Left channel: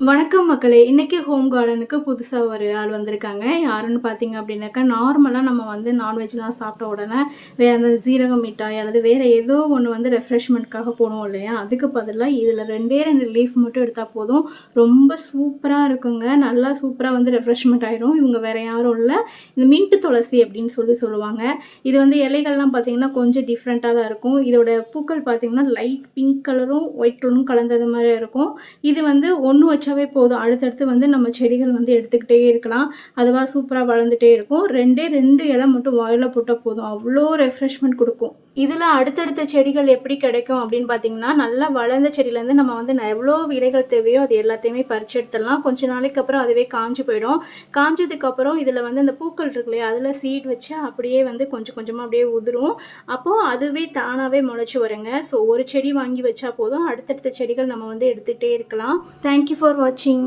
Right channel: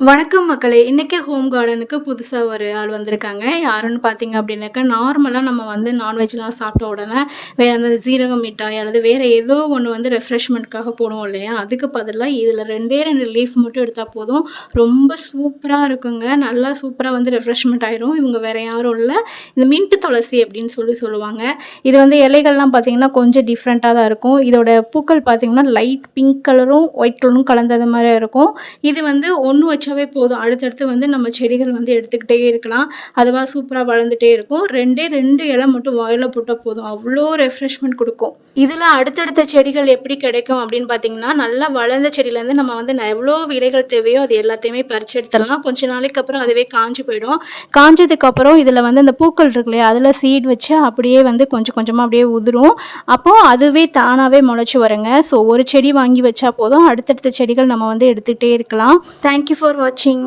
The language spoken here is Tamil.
வணக்கம் மக்களே! இன்னைக்கு ஹோம் கார்டனுக்கு புதுசா ஒரு ஆள் வந்திருக்காங்க. யாருன்னு பார்த்தீங்க அப்படின்னாக்கா, நார்மலா நம்ம வந்து நான்வெஜ்லாம் சாப்பிட்ட உடனே வேற அந்த சீரக மிட்டாய் அல்லது வேற ஏதோ ஒண்ணு வந்து ரெஃப்ரெஷ்மெண்ட்க்காக போடுவோம் இல்லையா? அதுக்கு பதிலா இதில 2டே 2 லீஃப் மட்டும் எடுத்தா போதும். ரொம்ப சூப்பரா இருக்குங்க. நல்லா சூப்பரா வந்து ரெஃப்ரெஷ்மெண்ட் ஆயிரும். இவங்க வேற யாரும் இல்ல. இந்த மின்ட் துளசி அப்படின்னு சொல்லுவாங்க. இது வந்து இலைகள்லாம் பார்த்தீங்கன்னா, கொஞ்சம் டிஃப்ரெண்ட்டா தான் இருக்கும். இதோட பூக்கள் பார்த்தீங்கன்னா, லைட் பிங்க் கலரும், ஒயிட் கலரும் கலந்தது மாரி இருக்கும். இது வந்து ஒண்ணு வச்சாவே போதும். அடுத்தடுத்து வந்து நம்ம செடிகள் வந்து எடுத்துக்கிட்டே இருக்கலாம். அதுவா சூப்பரா வளர்ந்துட்டே இருக்கும். 2டே 2 இலை மட்டும் வாயில போட்டா போதும். அவ்ளோ ரெஃப்ரெஷ்மென்ட் குடுக்கும். இதுல அடுத்தடுத்த செடிகள் எப்படி கிடைக்கும் அப்படின்னு பார்த்தீங்கன்னா, நல்லா வளர்ந்த செடியிலேருந்து நம்ம வந்து எவ்வளோ விதைகள் தேவையோ அது எல்லாத்தையுமே பறிச்சு எடுத்துடலாம். கொஞ்ச நாளைக்கு அப்புறம் அதுவே காஞ்சு போயிடும். காஞ்சதுக்கப்புறம் இதில வந்து அந்த பூக்கள் இருக்கு இல்லையா? அதில சீட் வச்சு அப்படியே வந்து கொஞ்சம் கொஞ்சமா அப்படியே உதிரும். அப்போ அதுவே தானாவே முளைச்சு வருங்க. ஸோ ஒரு செடி வாங்கி வச்சா போதும். அடுத்தடுத்த செடிகள் நம்ம வந்து எடுத்துக்கிட்டே இருக்கலாம். தேங்க் யூ ஃபார் வாட்சிங்.